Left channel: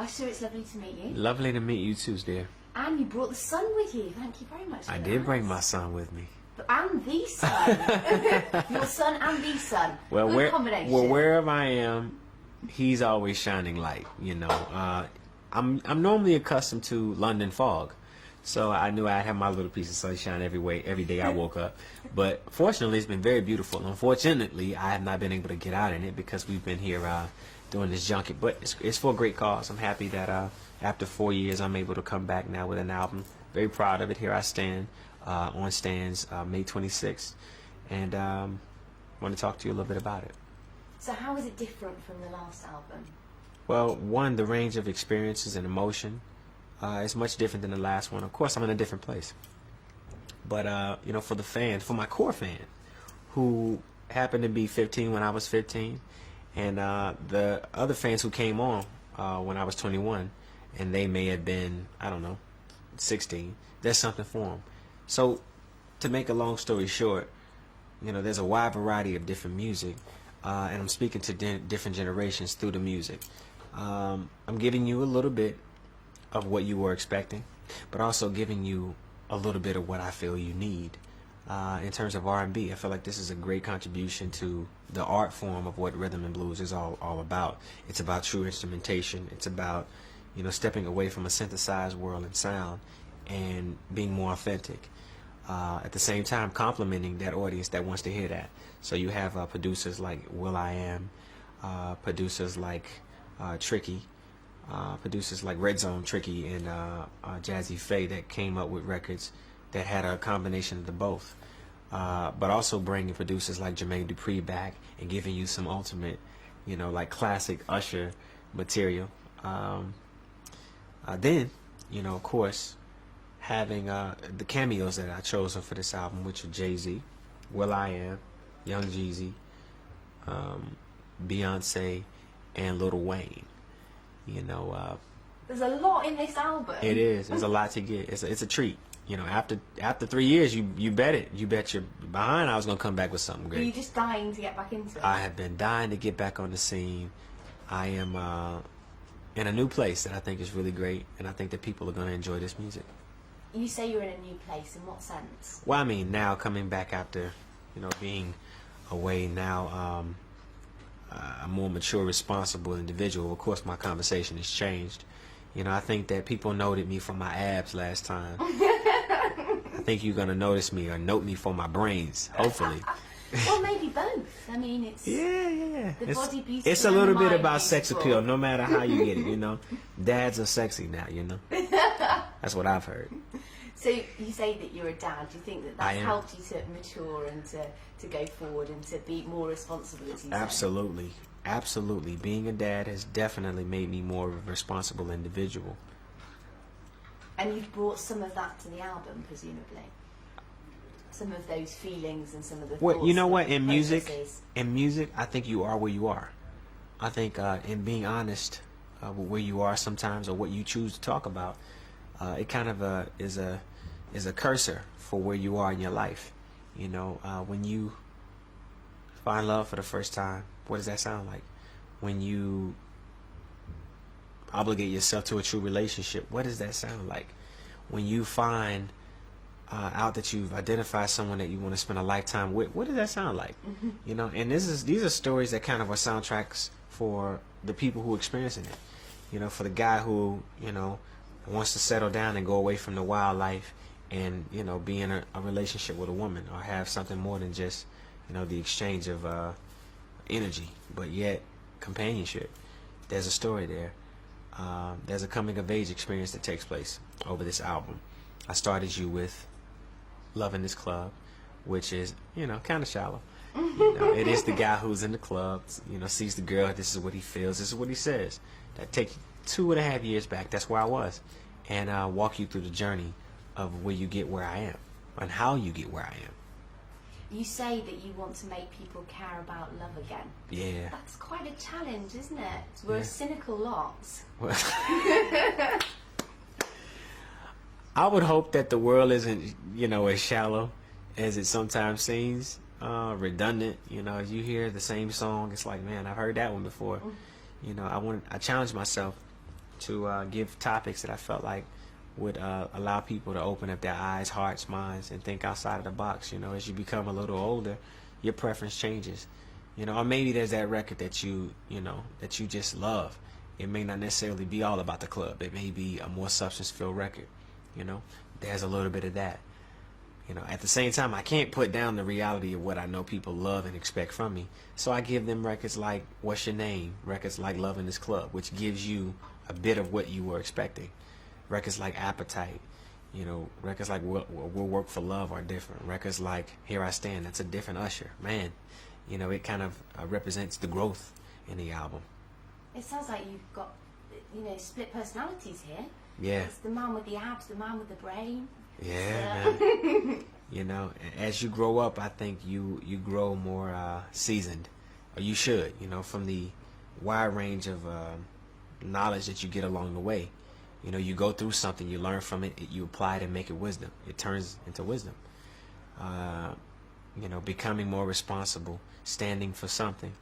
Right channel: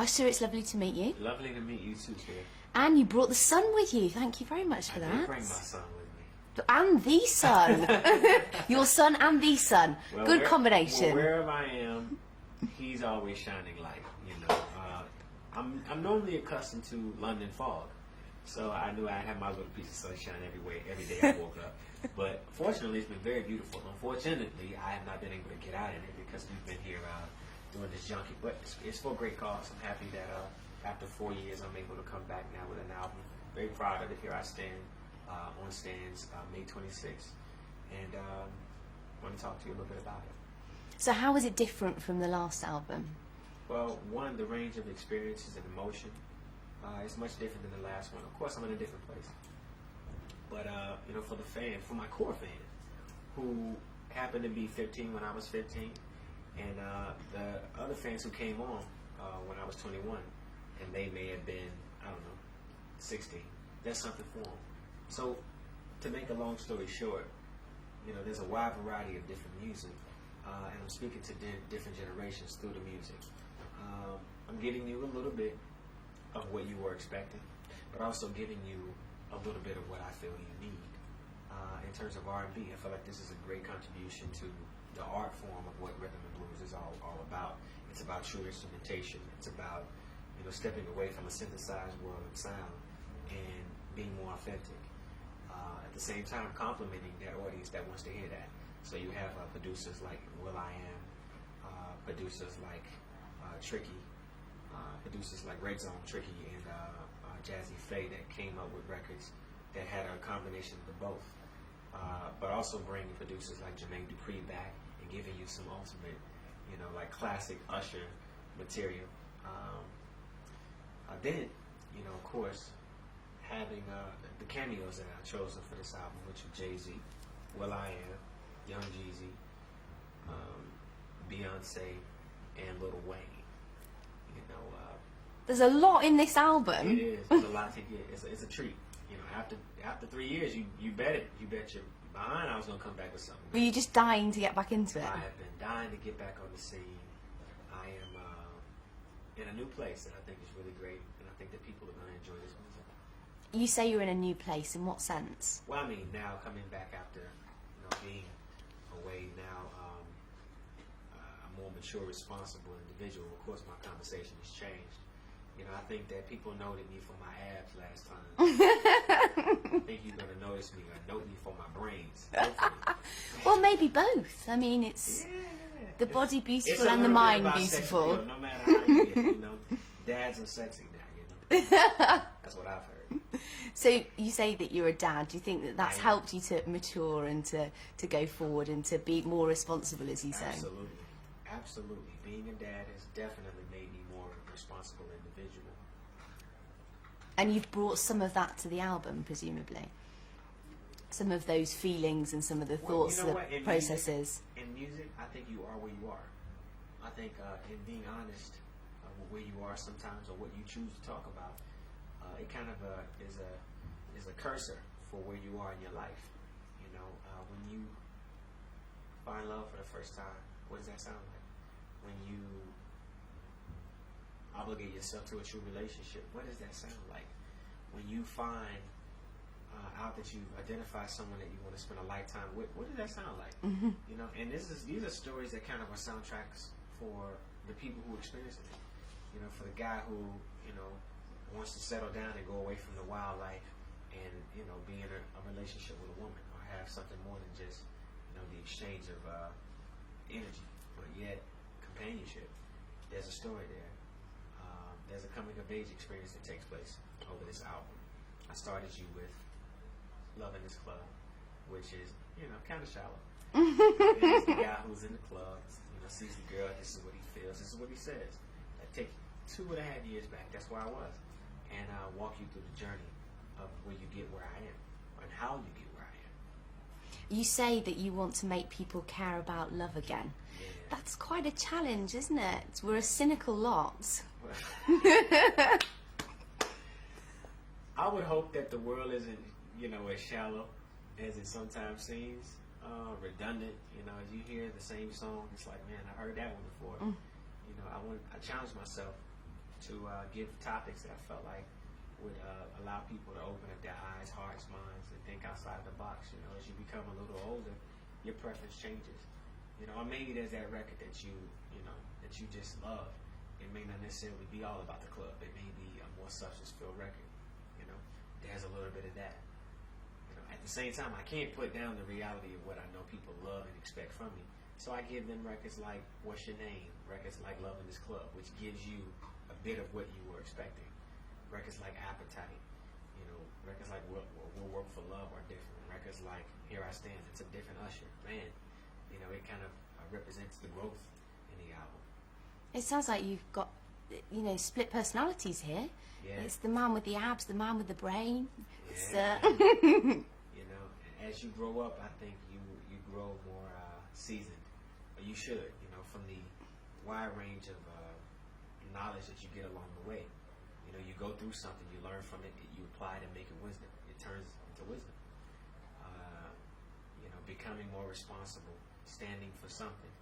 Usher, it's lovely to meet you. Lovely to meet you too, dear. And you brought the sun with you. Thank you very much for I that. did bring my son with me. And the sun. Your son and the sun. Well, Good combination. Well, wherever I am, he's always shining light. You know, I'm normally accustomed to London fog, so I knew I'd have my little piece of sunshine every day I woke up. But fortunately, it's been very beautiful. Unfortunately, I have not been able to get out in it because we've been here doing this junket. But it's for a great cause. I'm happy that after 4 years, I'm able to come back now with an album. Very proud of it. Here I stand on stands May 26th, and want to talk to you a little bit about it. So how was it different from the last album? Well, one, the range of experiences and emotion is much different than the last one. Of course, I'm in a different place. But, you know, for the fans, for my core fan, who happened to be 15 when I was 15, and the other fans who came on when I was 21, and they may have been, I don't know, 16, there's something for them. So, to make a long story short, you know, there's a wide variety of different music, and I'm speaking to different generations through the music. I'm giving you a little bit of what you were expecting, but also giving you a little bit of what I feel you need. In terms of R&B, I feel like this is a great contribution to the art form of what rhythm and blues is all about. It's about true instrumentation. It's about, you know, stepping away from a synthesized world and sound and being more authentic. At the same time, complimenting that audience that wants to hear that. So you have producers like will.i.am, producers like Tricky, producers like Red Zone Tricky and Jazzy Faye that came up with records that had a combination of the both. But also bringing producers like Jermaine Dupri back and giving you some ultimate, you know, like classic Usher material. Then, you know, of course, having the cameos that I chosen for this album, which are Jay-Z, will.i.am, Young Jeezy, Beyonce, and Lil Wayne. You know, there's a lot in this album. It is. There's a lot to get. It's a treat. You know, after 3 years, you bet it. You bet you're behind. I was gonna come back with something great. Are you just dying to get back into it? I have been dying to get back on the scene. I am in a new place that I think is really great, and I think that people are gonna enjoy this music. You say you're in a new place. In what sense? Well, I mean, now coming back after, you know, being away now, a more mature, responsible individual. Of course, my conversation has changed. You know, I think that people noted me for my abs last time. I think you're gonna notice me or note me for my brains, hopefully. Well, maybe both. I mean, it's yeah. The body beautiful. It's a and little the bit mind about sex beautiful. appeal, no matter how you get it. You know, dads are sexy now. You know, that's what I've heard. So you say that you're a dad. Do you think that that's helped you to mature and to go forward and to be more responsible, as you say? Absolutely. Absolutely. Being a dad has definitely made me more of a responsible individual. And you've brought some of that to the album, presumably. Some of those feelings and some of the thoughts. Well, you know what? In music, I think you are where you are. I think in being honest with where you are sometimes or what you choose to talk about, it kind of is a cursor for where you are in your life. You know, when you find love for the first time, what does that sound like? When you obligate yourself to a true relationship, what does that sound like? When you find out that you've identified someone that you want to spend a lifetime with, what does that sound like? Mm-hmm. You know, and these are stories that kind of are soundtracks for the people who are experiencing it. You know, for the guy who, you know, wants to settle down and go away from the wildlife and, you know, be in a relationship with a woman or have something more than just, you know, the exchange of energy, but yet companionship. There's a story there. There's a coming of age experience that takes place over this album. I started you with Loving This Club, which is, you know, kind of shallow. You know, it is the guy who's in the club, you know, sees the girl, this is what he feels, this is what he says. That takes 2.5 years back, that's where I was, and walk you through the journey of where you get where I am and how you get where I am. You say that you want to make people care about love again. Yeah. That's quite a challenge, isn't it? We're a cynical lot. Well, I would hope that the world isn't, you know, as shallow as it sometimes seems, redundant. You know, as you hear the same song, it's like, man, I've heard that one before. You know, I challenge myself to give topics that I felt like would allow people to open up their eyes, hearts, minds, and think outside of the box. You know, as you become a little older, your preference changes. You know, or maybe there's that record that you just love. It may not necessarily be all about the club. It may be a more substance-filled record. You know, there's a little bit of that. You know, at the same time, I can't put down the reality of what I know people love and expect from me. So I give them records like What's Your Name? Records like Love in This Club, which gives you a bit of what you were expecting. Records like Appetite, you know, records like We'll Work for Love are different. Records like Here I Stand, that's a different Usher. Man, you know, it kind of represents the growth in the album. It sounds like you've got, you know, split personalities here. Yeah. It's the man with the abs, the man with the brain. Yeah. You know, as you grow up, I think you grow more seasoned, or you should, you know, from the wide range of knowledge that you get along the way. You know, you go through something, you learn from it, you apply it and make it wisdom. It turns into wisdom. You know, becoming more responsible, standing for something,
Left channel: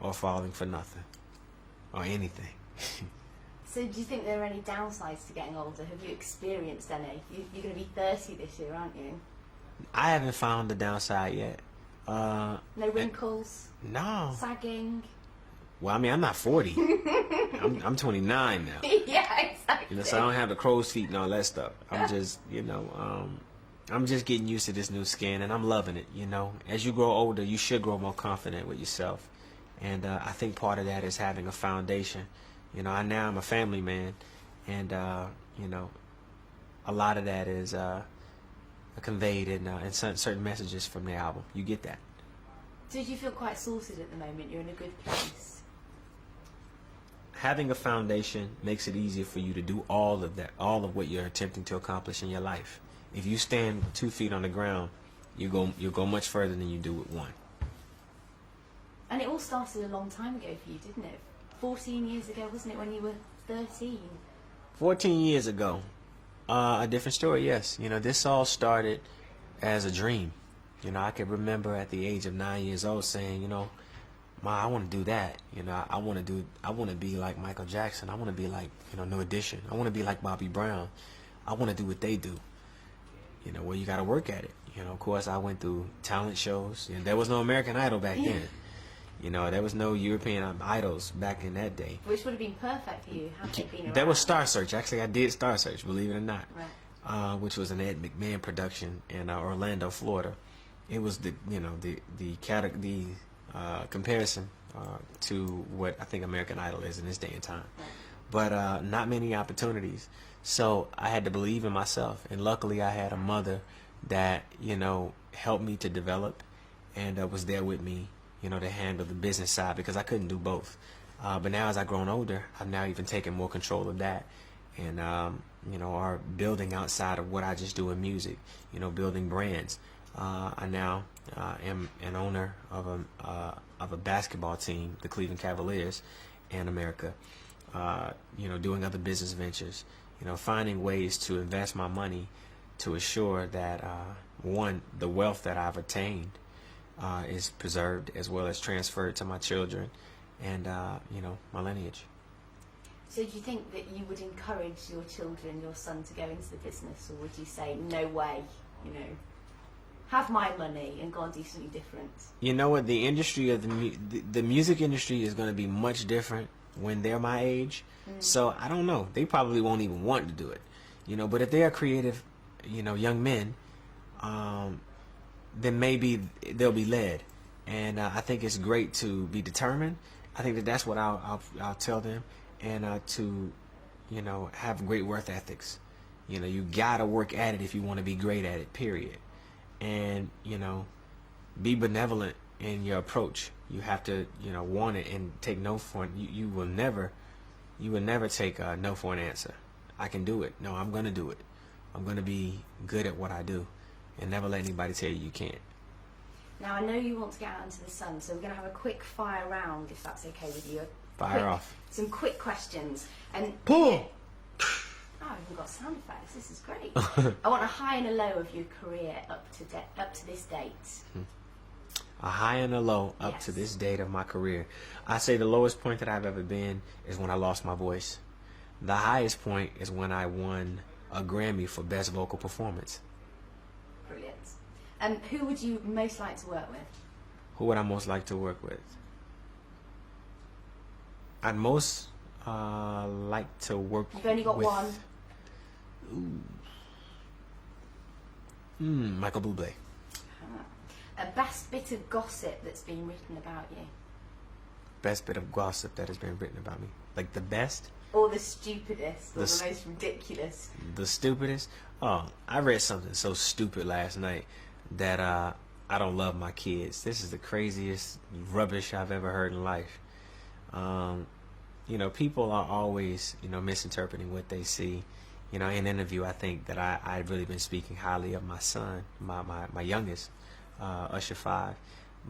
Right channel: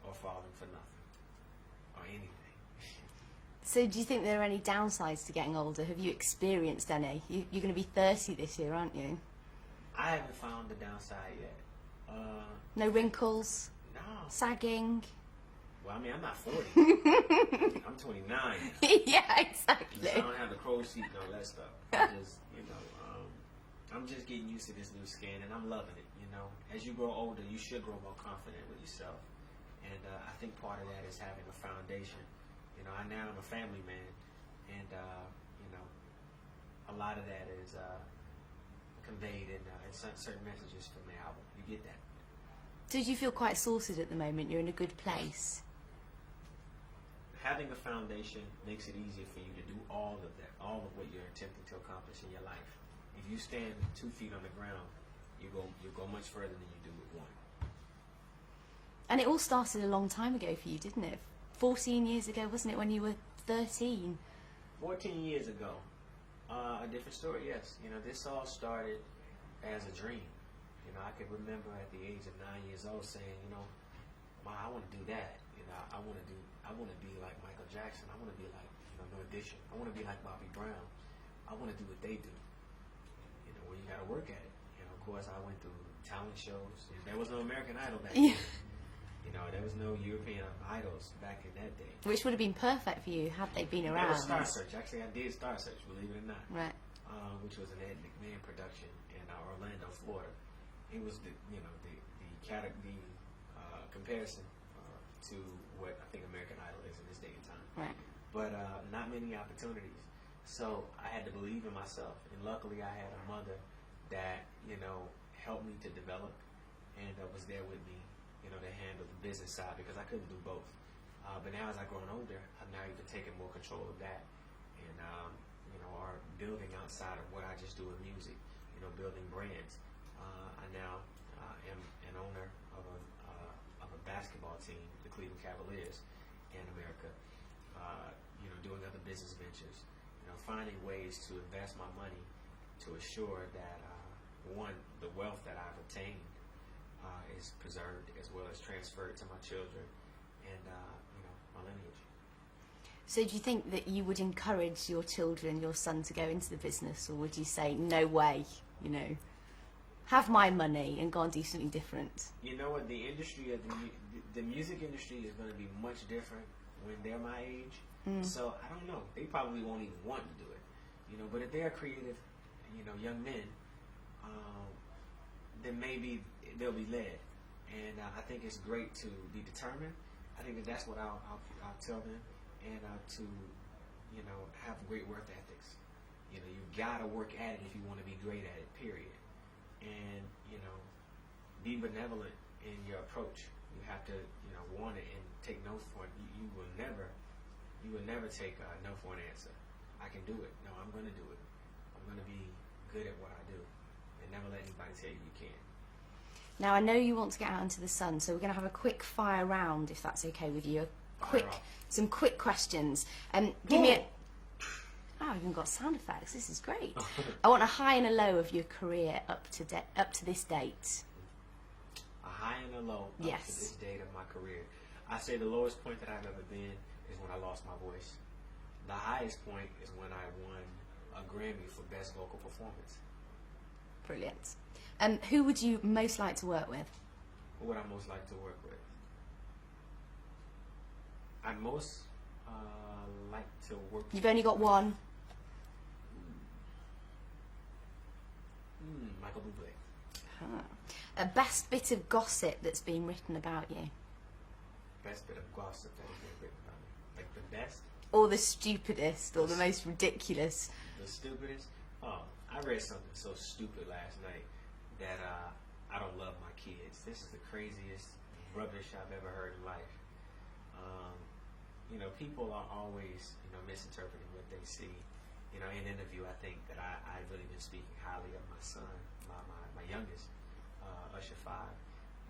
or falling for nothing, or anything. So do you think there are any downsides to getting older? Have you experienced any? You're going to be 30 this year, aren't you? I haven't found the downside yet. No wrinkles? No. Sagging? Well, I mean, I'm not 40. I'm 29 now. Yeah, exactly. You know, so I don't have the crow's feet and all that stuff. I'm just, you know, I'm just getting used to this new skin, and I'm loving it, you know. As you grow older, you should grow more confident with yourself. And I think part of that is having a foundation. You know, now I'm a family man, and, you know, a lot of that is conveyed in certain messages from the album. You get that. So do you feel quite sorted at the moment? You're in a good place? Having a foundation makes it easier for you to do all of that, all of what you're attempting to accomplish in your life. If you stand with 2 feet on the ground, you'll go much further than you do with one. And it all started a long time ago for you, didn't it? 14 years ago, wasn't it, when you were 13? 14 years ago. A different story, yes. You know, this all started as a dream. You know, I can remember at the age of 9 years old saying, you know, Ma, I want to do that. You know, I want to be like Michael Jackson. I want to be like, you know, New Edition. I want to be like Bobby Brown. I want to do what they do. You know, well, you got to work at it. You know, of course, I went through talent shows, and there was no American Idol back then. You know, there was no European Idols back in that day. Which would have been perfect for you had they been around. There was Star Search. Actually, I did Star Search, believe it or not. Right. Which was an Ed McMahon production in Orlando, Florida. It was the comparison to what I think American Idol is in this day and time. Right. But not many opportunities. So I had to believe in myself, and luckily I had a mother that, you know, helped me to develop, and was there with me, you know, to handle the business side, because I couldn't do both. But now as I've grown older, I've now even taken more control of that, and you know, are building outside of what I just do in music. You know, building brands. I now am an owner of a basketball team, the Cleveland Cavaliers, in America. You know, doing other business ventures. You know, finding ways to invest my money to assure that one, the wealth that I've attained is preserved, as well as transferred to my children and you know, my lineage. So do you think that you would encourage your children, your son, to go into the business, or would you say, no way, you know, have my money and go and do something different? You know what, the industry of the music industry is going to be much different when they're my age. So I don't know, they probably won't even want to do it, you know. But if they are creative, you know, young men, then maybe they'll be led. And I think it's great to be determined. I think that's what I'll tell them, and to, you know, have great work ethics. You know, you gotta work at it if you want to be great at it, period. And, you know, be benevolent in your approach. You have to, you know, want it and take no for it. You will never take no for an answer. I can do it. No, I'm gonna do it. I'm gonna be good at what I do, and never let anybody tell you you can't. Now, I know you want to get out into the sun, so we're going to have a quick fire round, if that's okay with you. Fire off. Some quick questions. And boom! Oh, I've even got sound effects. This is great. I want a high and a low of your career up to this date. A high and a low up to this date of my career. I say the lowest point that I've ever been is when I lost my voice. The highest point is when I won a Grammy for Best Vocal Performance. Brilliant. And who would you most like to work with? Who would I most like to work with? I'd most like to work with... You've only got one. Michael Bublé. A best bit of gossip that's been written about you? Best bit of gossip that has been written about me. Like the best? Or the stupidest, or the most ridiculous? The stupidest? Oh, I read something so stupid last night that I don't love my kids. This is the craziest rubbish I've ever heard in life. You know, people are always, you know, misinterpreting what they see. You know, in an interview, I think that I've really been speaking highly of my son, my youngest, Usher 5.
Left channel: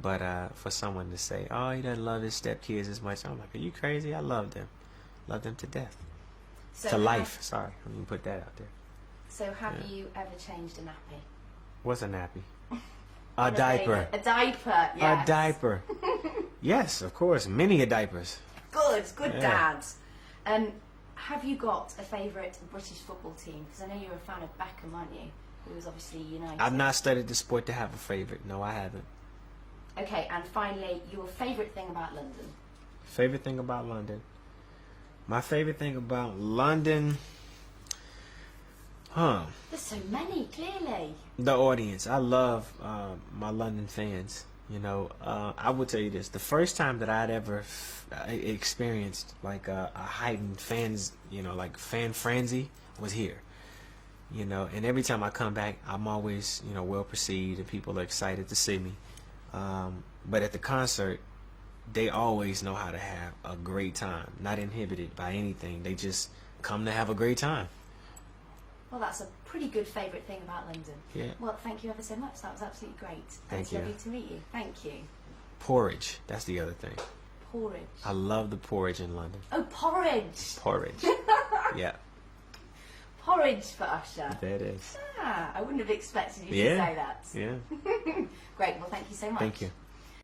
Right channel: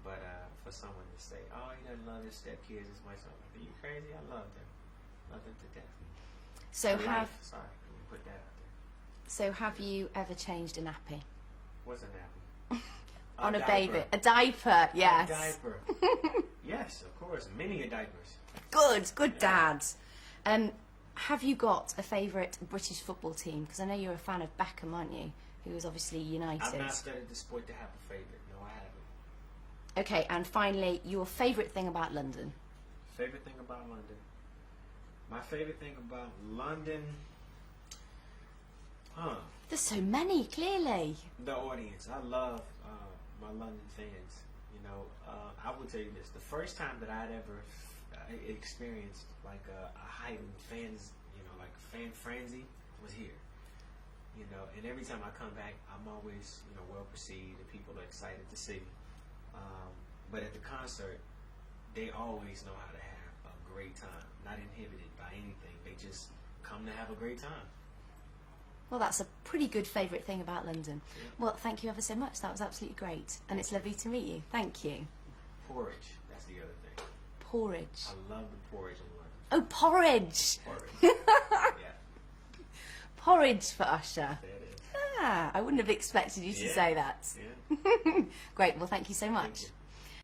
But for someone to say, oh, he doesn't love his stepkids as much, I'm like, are you crazy? I love them. Love them to death. So to life. Sorry, let me put that out there. So have you ever changed a nappy? What's a nappy? On A diaper. A diaper, yes. A diaper. Yes, of course. Many a diapers. Good Yeah. dad. And have you got a favourite British football team? Because I know you're a fan of Beckham, aren't you? Who was obviously United. I've not studied the sport to have a favorite. No, I haven't. Okay, and finally, your favourite thing about London? Favorite thing about London? My favorite thing about London... There's so many, clearly. The audience. I love my London fans. You know, I will tell you this. The first time that I'd ever experienced like a heightened fans, you know, like fan frenzy was here. You know, and every time I come back, I'm always, you know, well perceived and people are excited to see me. But at the concert, they always know how to have a great time, not inhibited by anything. They just come to have a great time. Well, that's a pretty good favourite thing about London. Yeah. Well, thank you ever so much. That was absolutely great. And Thank it's you. lovely to meet you. Thank you. Porridge, that's the other thing. Porridge. I love the porridge in London. Oh, porridge. Porridge. Yeah. Porridge for Usher. There it is. I wouldn't have expected you to say that. Yeah. Great. Well, thank you so much. Thank you.